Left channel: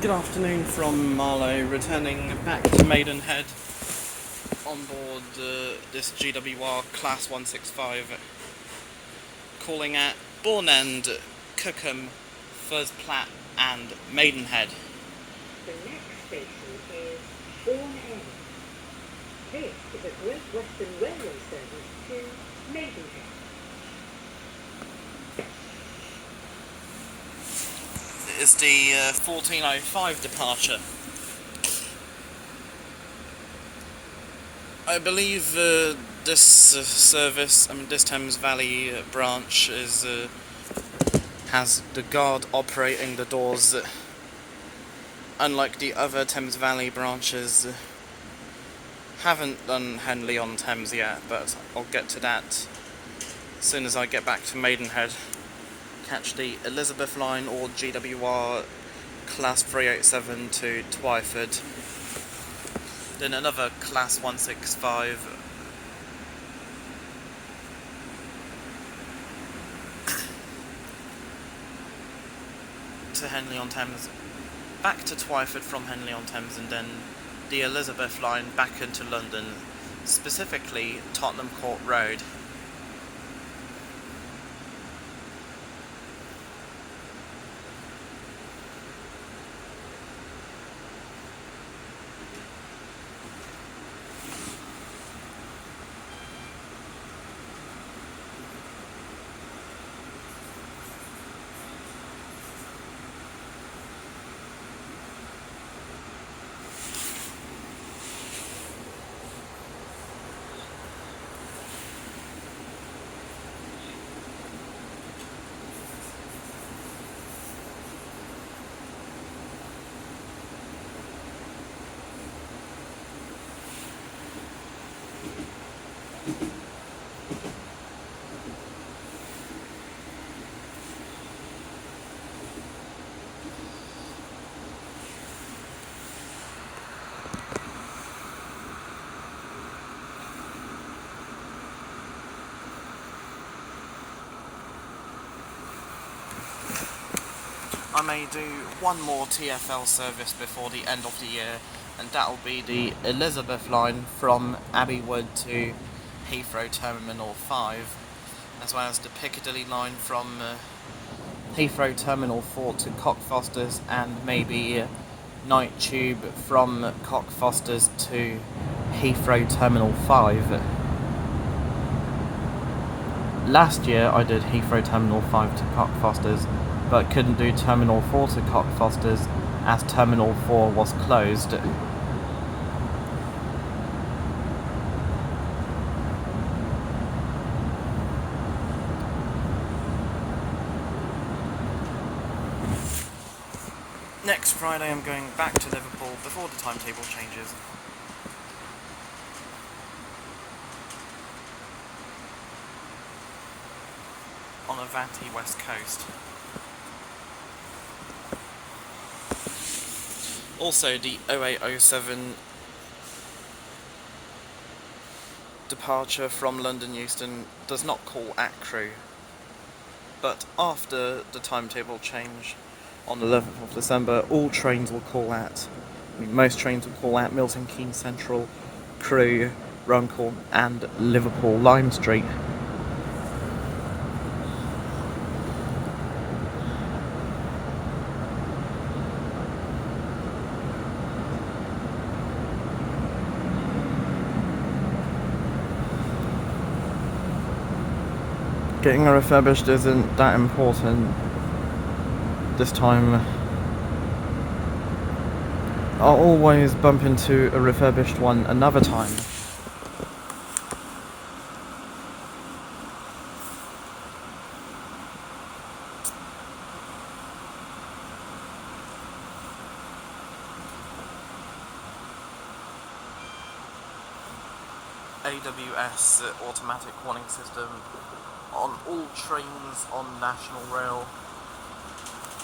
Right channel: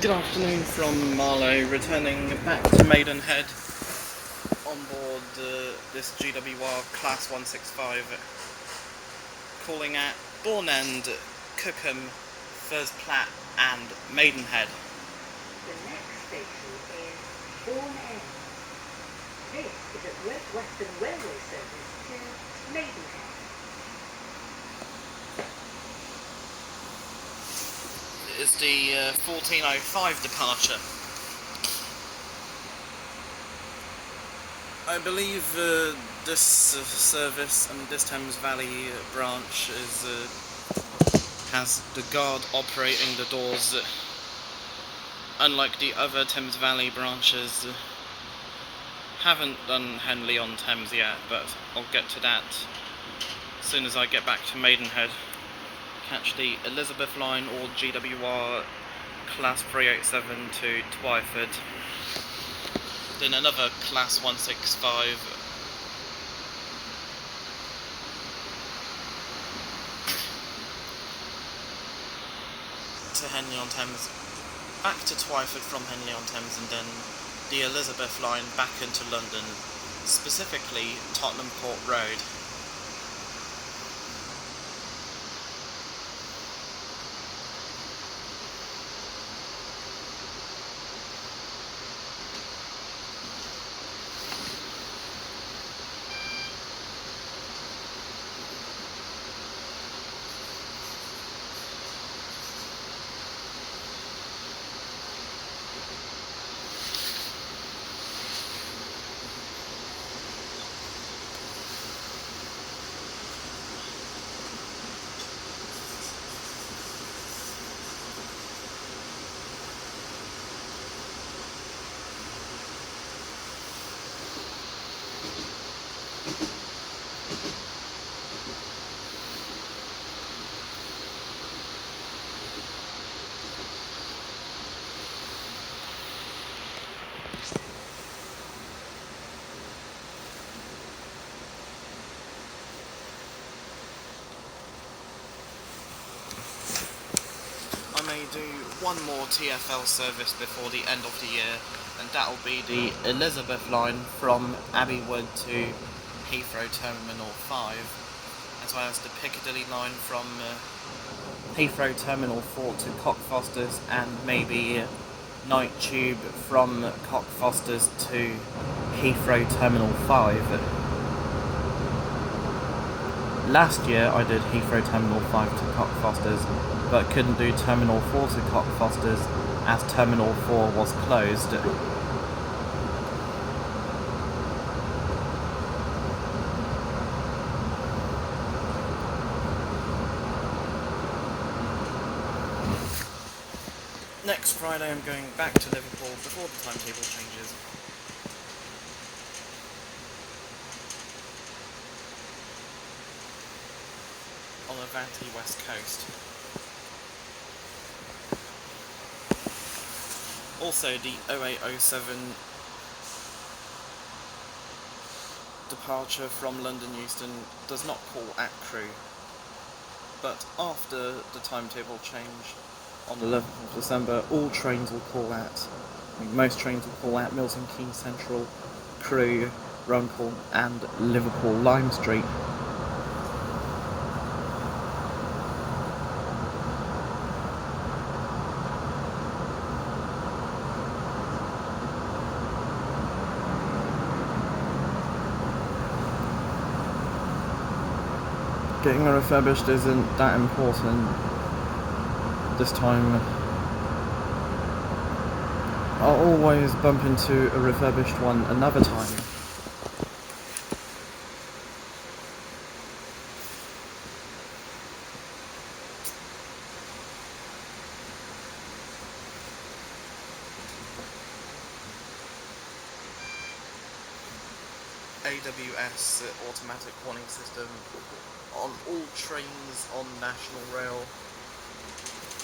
Good afternoon from Marlow, returning back to Maidenhead on board this GWR Class 165, calling at Bourne End, Cookham, Furs Platt and Maidenhead. The next station is Bourne End. This is a Great Western Railway service to Maidenhead. It is the 14:05 departure. I believe this service, this Thames Valley branch has the guard operating the doors. Unlike the other Thames Valley branches, haven't done Henley-on-Thames yet, but I'll get to that as soon as I get back to Maidenhead. Catch the Elizabeth line or GWR Class 387 to Twyford. Then another Class 165 to Henley-on-Thames, back to Twyford from Henley-on-Thames, and then the Elizabeth line back into London, specifically Tottenham Court Road. I may do one more TfL service before the end of the year, and that'll be the Elizabeth line from Abbey Wood to Heathrow Terminal 5, as well as the Piccadilly line from Heathrow Terminal 4 to Cockfosters, and maybe night tube from Cockfosters to Heathrow Terminal 5. Last year I did Heathrow Terminal 5 to Cockfosters, but couldn't do Terminal 4 to Cockfosters as Terminal 4 was closed. Next Friday I'm going back to Liverpool before the timetable changes. On Avanti West Coast. Also, the 0807 departure from London Euston does not call at Crewe, but after the timetable change on the 11th of December, all trains will call at. Most trains will call at Milton Keynes Central, Crewe, Runcorn, and Liverpool Lime Street. Getting a refurbished isn't that important this time. I'll always bump into a refurbished one another time. AWS automatic warning system on all trains on National Rail,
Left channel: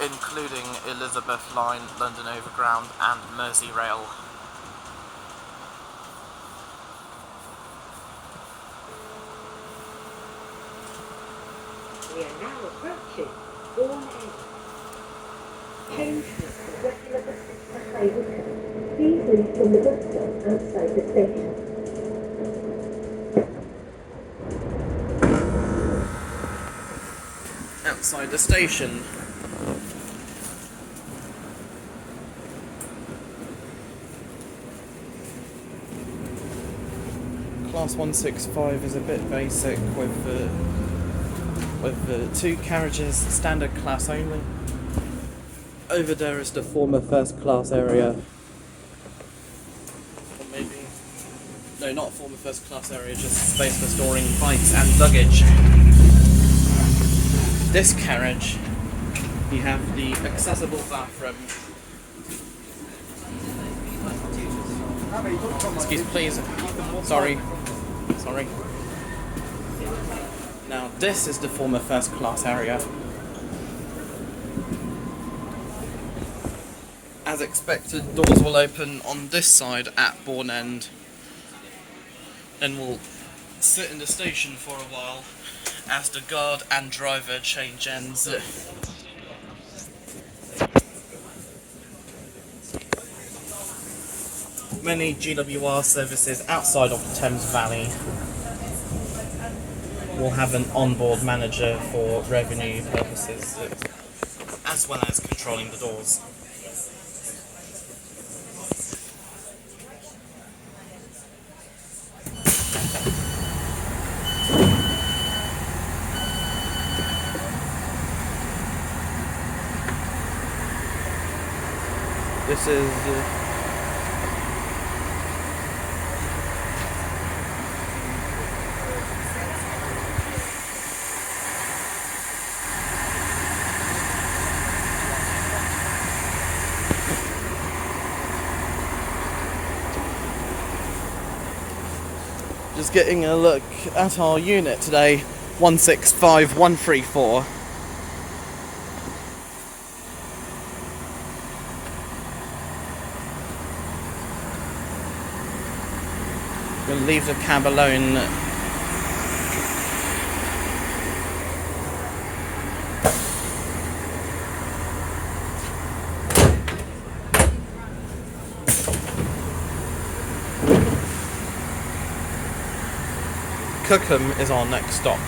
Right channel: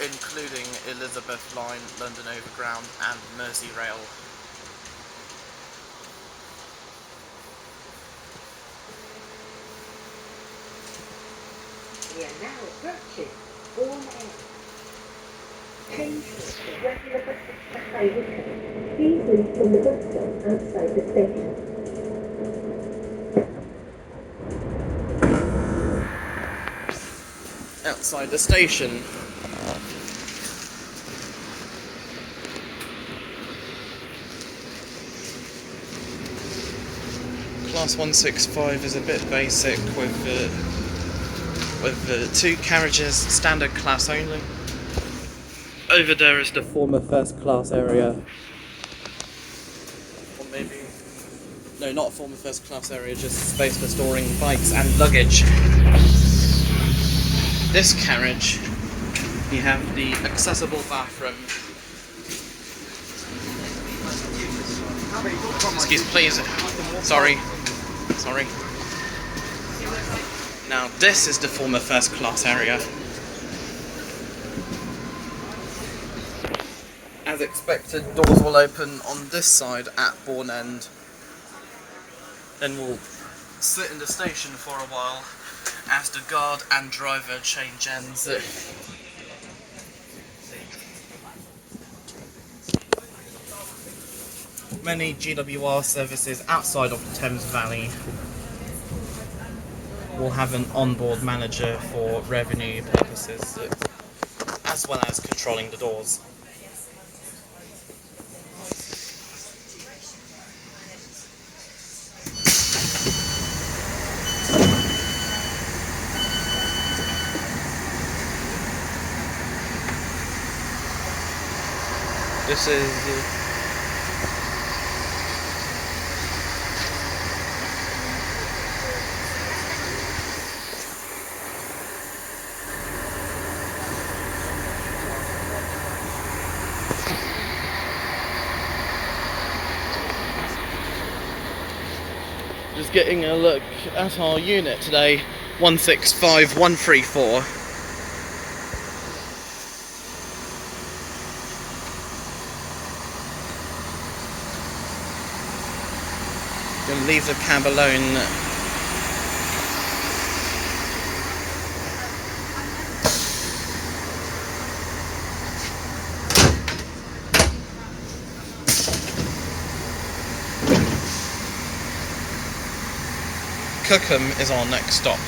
including Elizabeth Line, London Overground and Merseyrail. We are now approaching Bourne End. Change to regular British Cafe Wickham. Please leave from the bus stop outside the station. Outside the station. Class 165 is a bit basic with 2 carriages, standard class only. Over there is the former first class area. Or maybe... No, not former first class area, just space for storing bikes and luggage. This carriage, you have the accessible bathroom. Excuse please. Sorry. Now this is the former first class area. As expected, doors will open on this side at Bourne End. Then we'll sit in the station for a while as the guard and driver change ends. Many GWR services outside of the Thames Valley will have an onboard manager for revenue purposes, as well as controlling the doors. This is just getting a look at our unit today, 165134. Gonna leave the cab alone. Cookham is our next stop.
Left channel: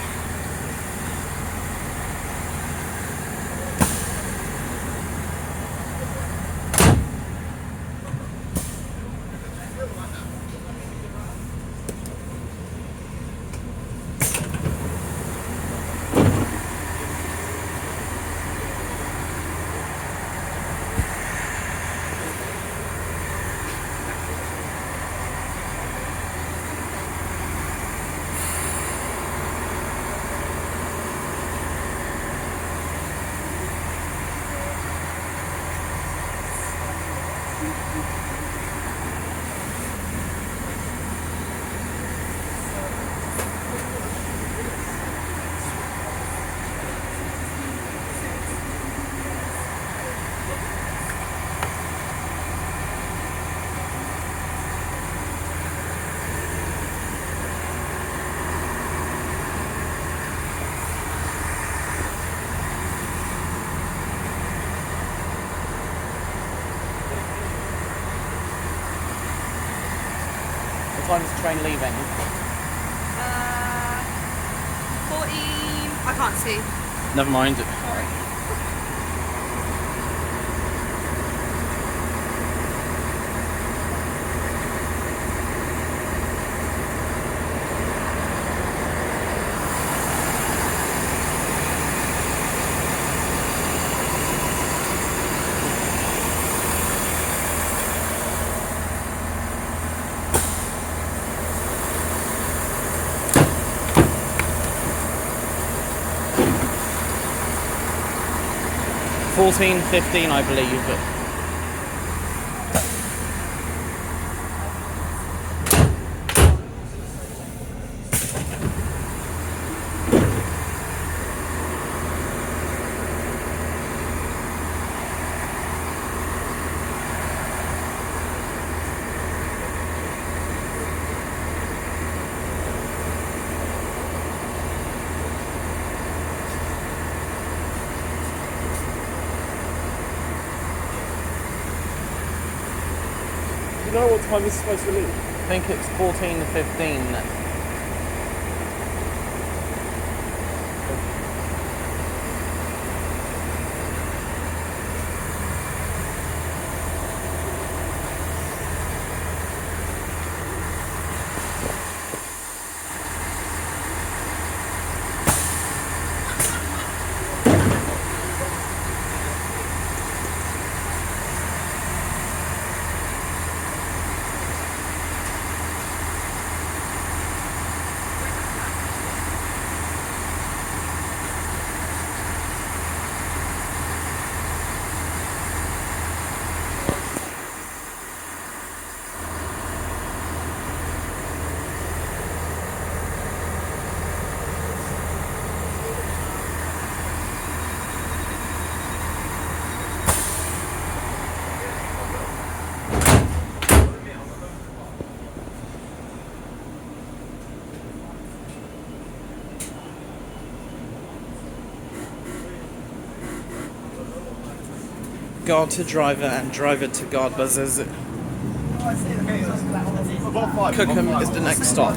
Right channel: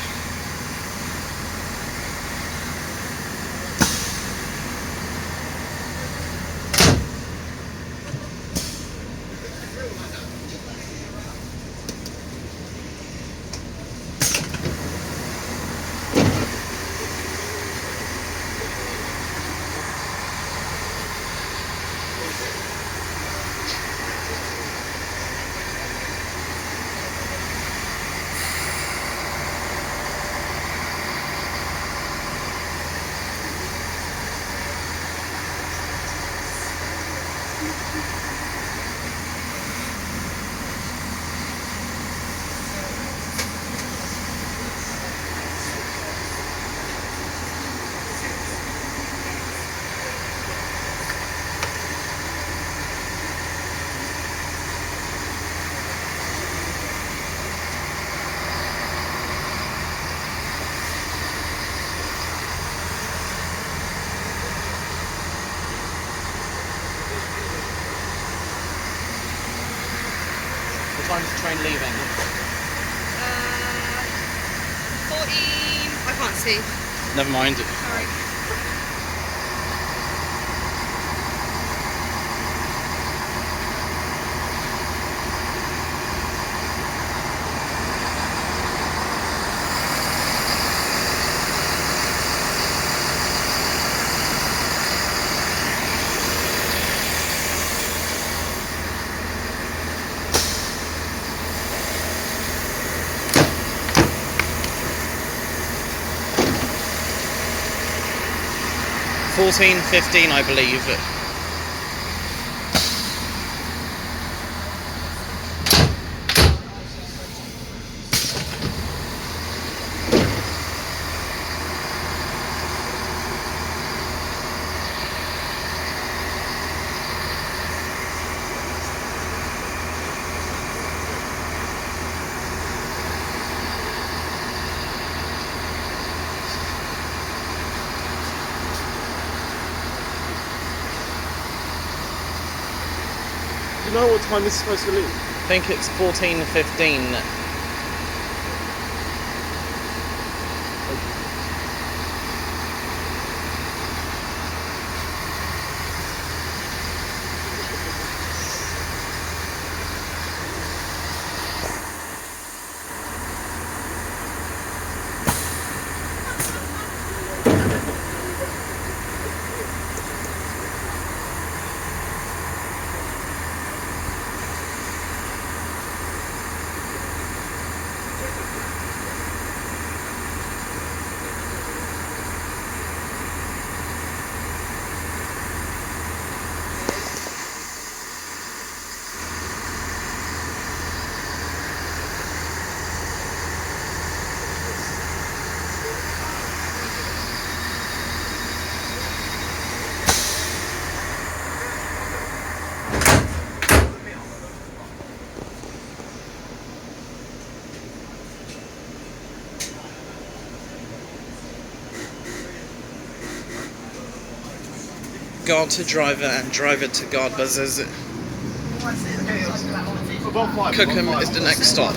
What time is the train leaving? 14. I can't see. Never mind. Sorry. $14, $15, I believe. you know what time this is supposed to leave? I think it's 14:15. Guard to driver and driver to guard buzzers. Cookham is the next stop.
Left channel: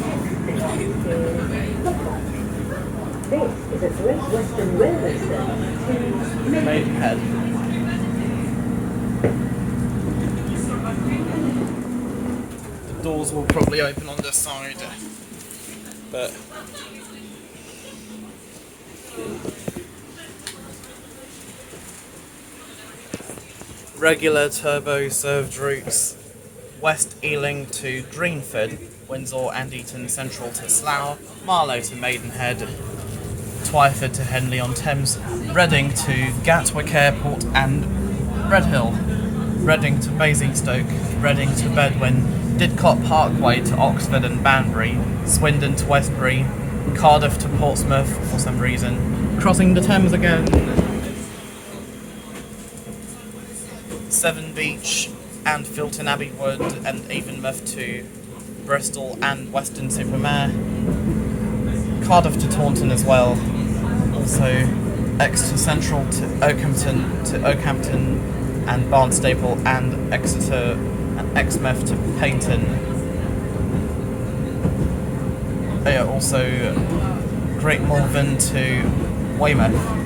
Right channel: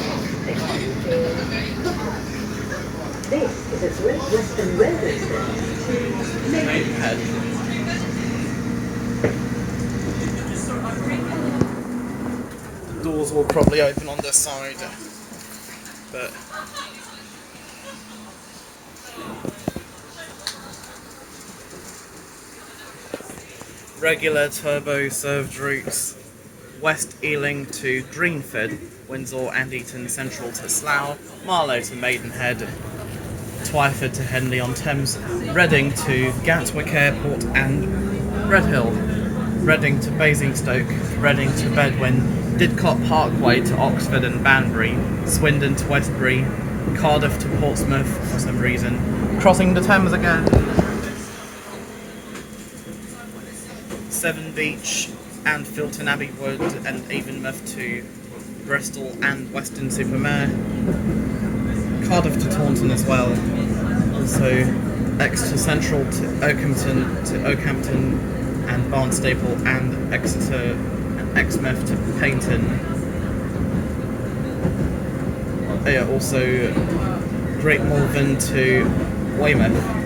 This is a Great Western Railway service to Maidenhead. The doors will probably open on this side, but regular turbo served routes: West Ealing to Greenford, Windsor and Eton Central to Slough, Marlow to Maidenhead, Twyford to Henley-on-Thames, Reading to Gatwick Airport and Redhill, Reading to Basingstoke, Reading to Bedwyn, Didcot Parkway to Oxford and Banbury, Swindon to Westbury, Cardiff to Portsmouth for some reason, crossing the Thames again, Severn Beach and Filton Abbey Wood and Avonmouth to Bristol and Weston-super-Mare, Cardiff to Taunton as well, also Exeter Central to Oakhampton and Barnstaple and Exeter and Exmouth to Paignton. Also Great Malvern to Weymouth.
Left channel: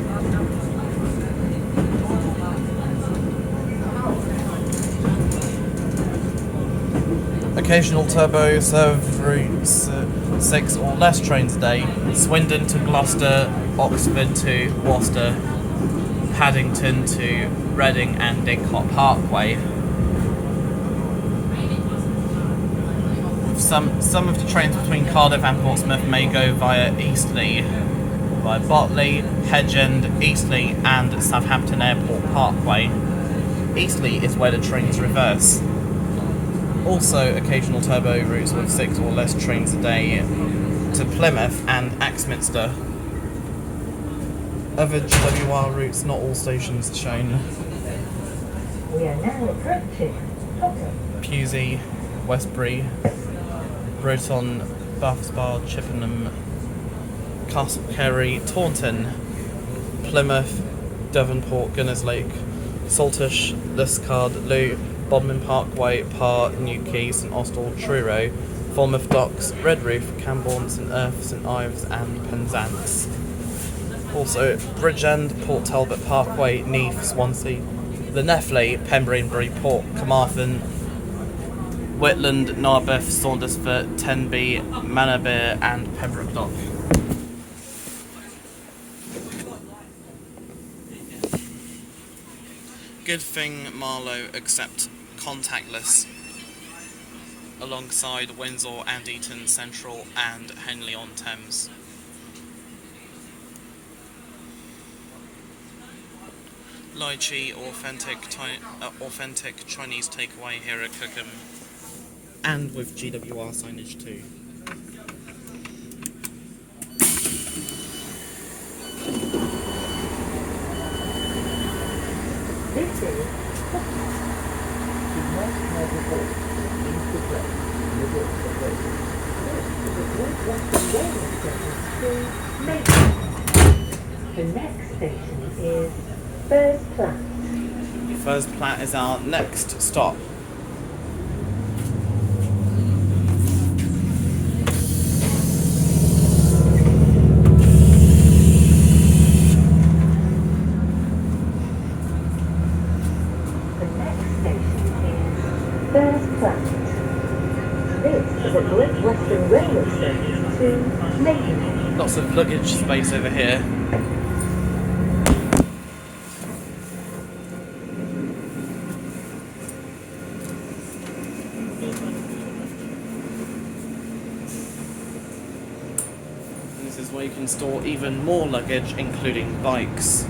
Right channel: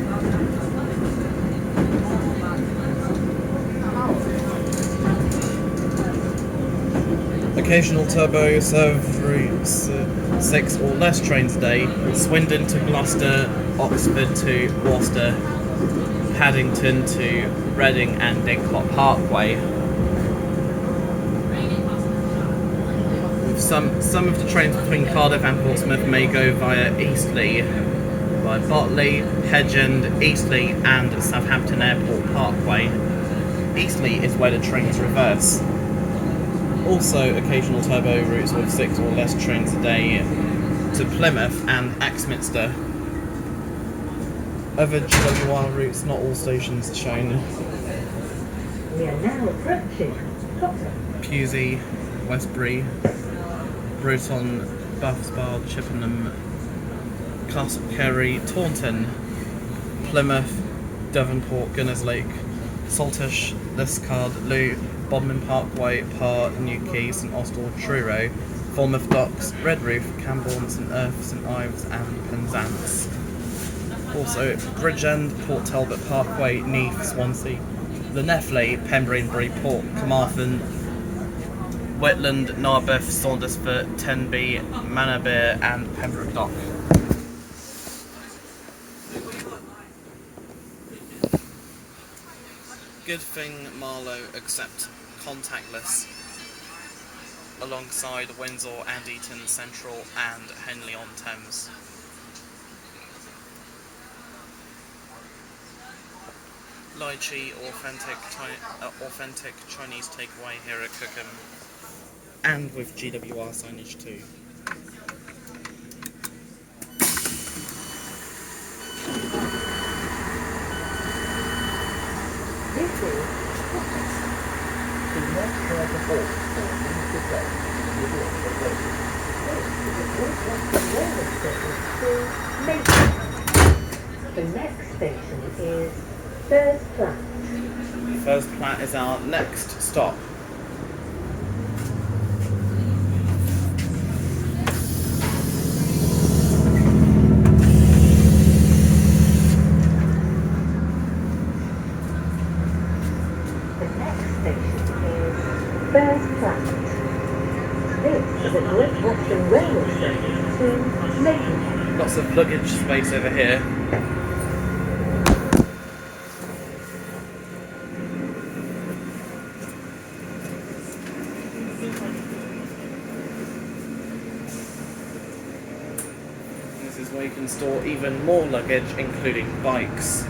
Occasional turbo serve routes, 6 or less trains a day: Swindon to Gloucester, Oxford to Worcester, Paddington to Reading and Didcot Parkway. With some of the trains between Cardiff and Portsmouth may go via Eastleigh, via Botley, Hedgend, Eastleigh and Southampton Airport Parkway. Eastleigh is where the trains reverse. Also occasional turbo routes with 6 or less trains a day to Plymouth and Axminster. Other GWR routes, not all stations shown: We are now approaching Potter. Pewsey, Westbury, Broughton, Bath Spa, Chippenham, Castle Carey, Taunton, Plymouth, Devonport, Gunners Lake, Saltish, Liscard, Loo, Bodmin Parkway, Parr, Newquay, St Austell, Truro, Falmouth Docks, Redroof, Cambourne, St Erf, St Ives and Penzance. Also Bridgend, Port Talbot Parkway, Neath, Swansea, the Neffley, Pembury and Bridport, Carmarthen, Whitland, Narberth, Saundersfoot, Tenby, Manorbier and Pembroke Dock. Good thing Marlow accept contactless alongside Windsor and Eton Central and Henley-on-Thames. Lychee, authentic Chinese takeaway here at Cookham, and with GWR signage too. This is the next station is First Platte. First Platte is our next stop. Western Railway service to Maidenhead. Lots of luggage space over here. This is where you can store even more luggage, including bikes.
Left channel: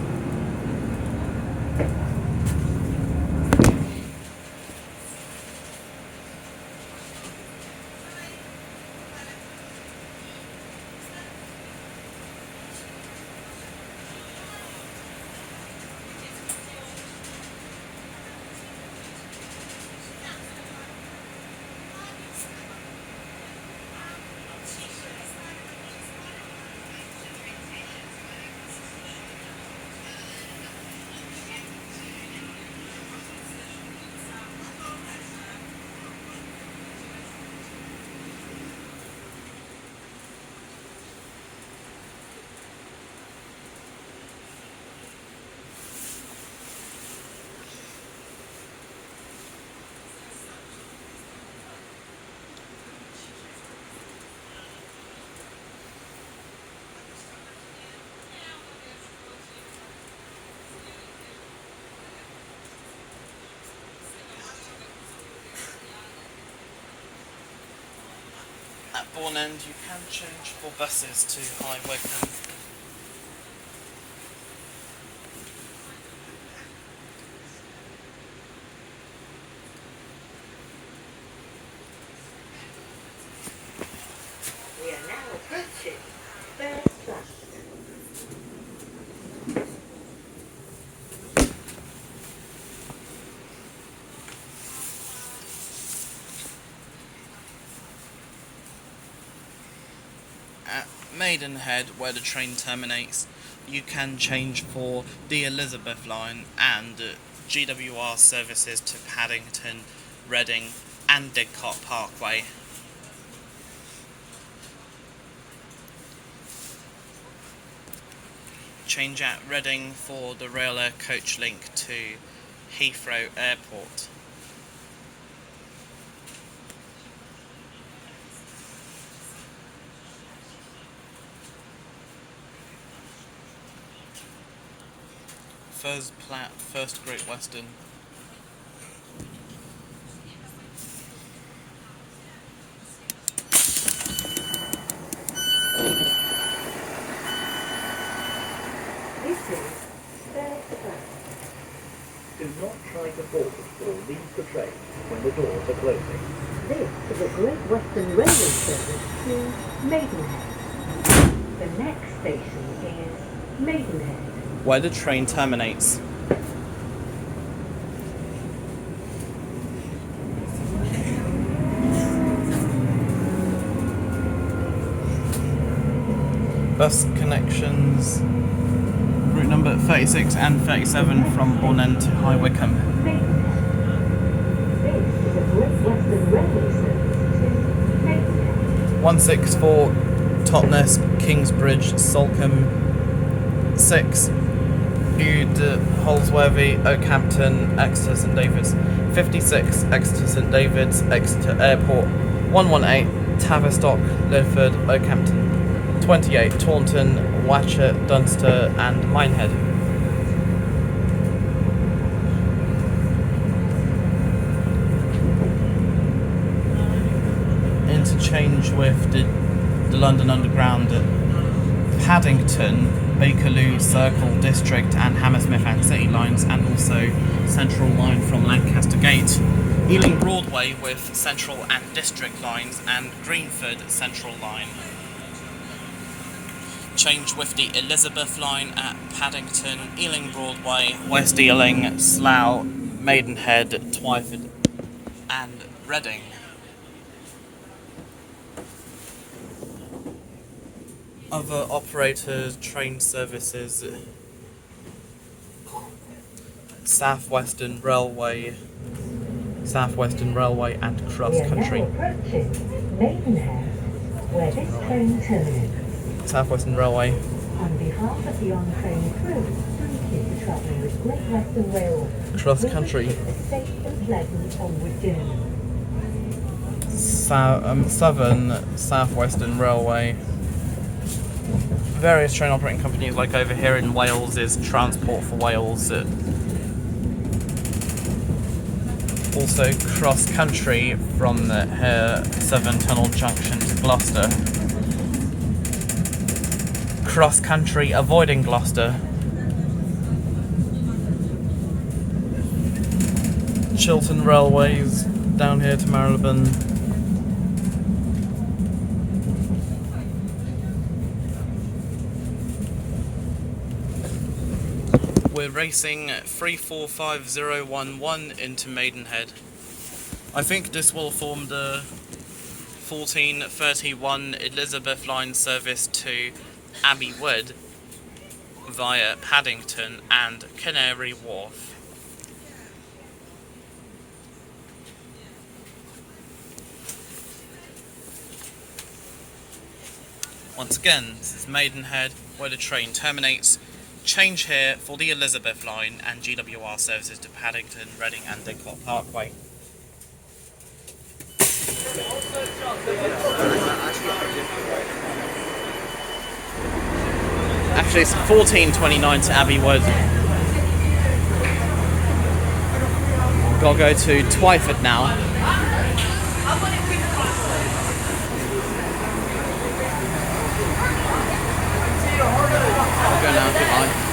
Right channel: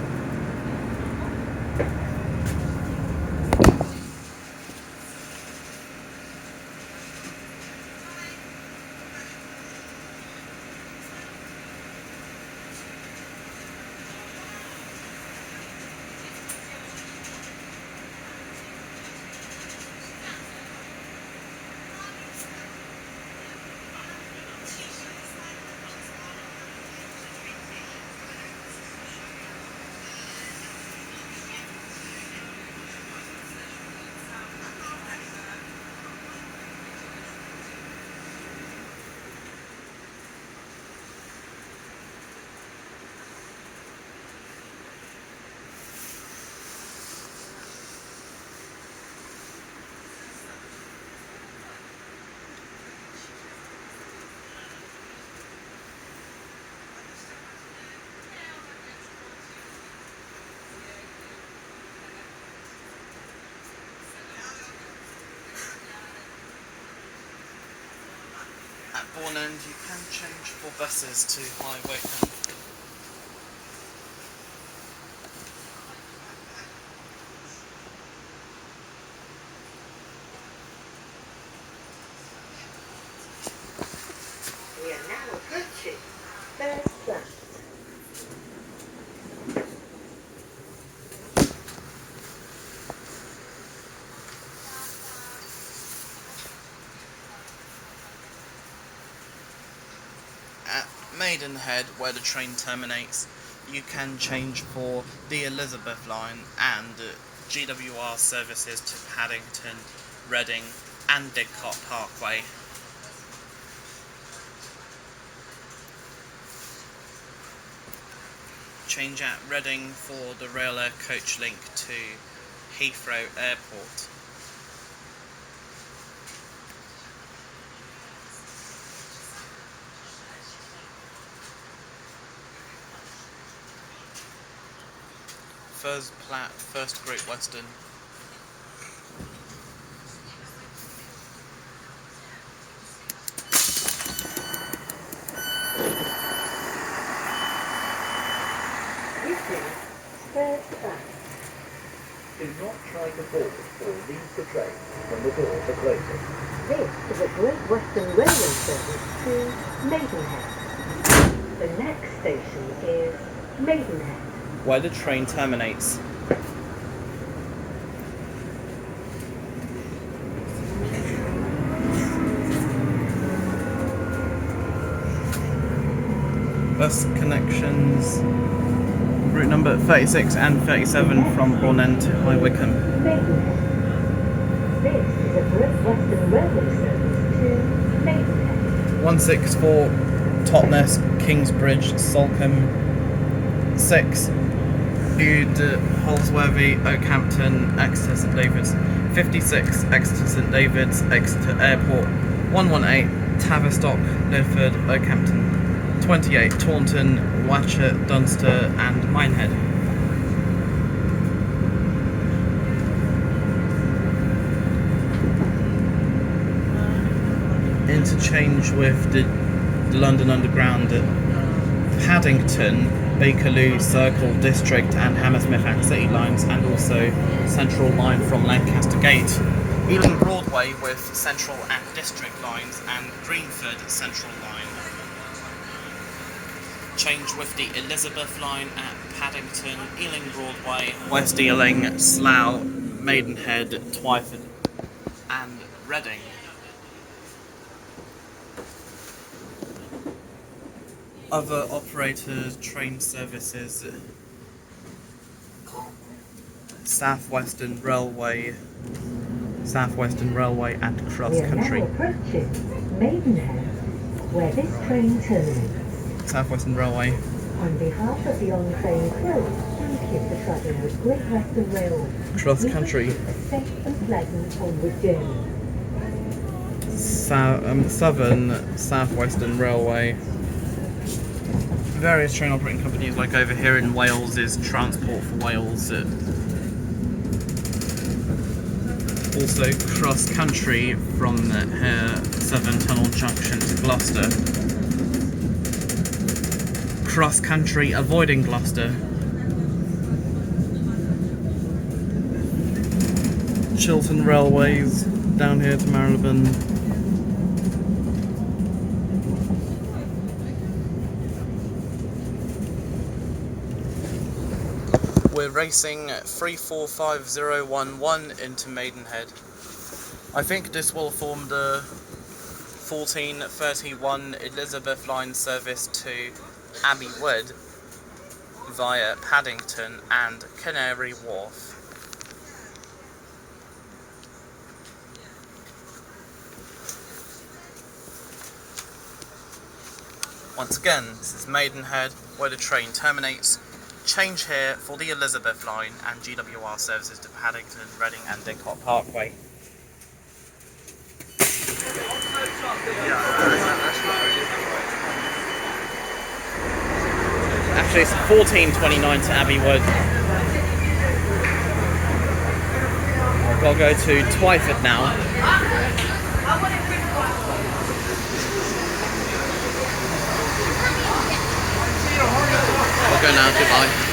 At Bourne End, you can change for buses to High Wycombe. We are now approaching first class. At Maidenhead, where the train terminates, you can change for the Elizabeth line and GWR services to Paddington, Reading and Didcot Parkway. Change at Reading for the Rail Air coach link to Heathrow Airport. First Great Western. This is third class. Do not try to board or leave the train when the doors are closing. This is a Great Western Railway service to Maidenhead. The next station is Maidenhead. Where the train terminates. Bus connections. Route number 36 and 37 from Bourne End to High Wycombe. Maidenhead. This is a Great Western Railway service to Maidenhead. 164 Totnes, Kingsbridge, Salcombe. 6 Bude, Holsworthy, Oakhampton, Exeter St Davids. 56 Exeter St Davids, Exeter Airport. 118 Tavistock, Lidford, Oakhampton. 28 Taunton, Watchet, Dunster and Minehead. Interchange with the London Underground at Paddington, Bakerloo, Circle, District and Hammersmith and City lines, and also Central line from Lancaster Gate. Ealing Broadway with Central and District lines and Greenford Central line. Change with the Elizabeth line at Paddington, Ealing Broadway, West Ealing, Slough, Maidenhead, Twyford and Reading. Other operator train services: South Western Railway and Cross Country. We are now approaching Maidenhead, where this train terminates. South Western Railway. On behalf of the on-train crew, thank you for travelling with Great Western Railway. Cross We wish Country. you a safe and pleasant onward journey. Southern Southwestern Railway. Various train operating companies, like over here in Wales is Transport for Wales. Also cross country from here, Severn Tunnel Junction to Gloucester. Cross country avoiding Gloucester. Chiltern Railways down here to Marylebone. We're racing 345011 into Maidenhead. I think this will form the 1431 Elizabeth Line service to Abbey Wood via Paddington and Canary Wharf. Once again, this is Maidenhead, where the train terminates. Change here for the Elizabeth Line and GWR services to Paddington, Reading and Didcot Parkway. Actually, it's 1429 to Abbey Wood. I've got to go to Twyford now. I'll go now, goodbye.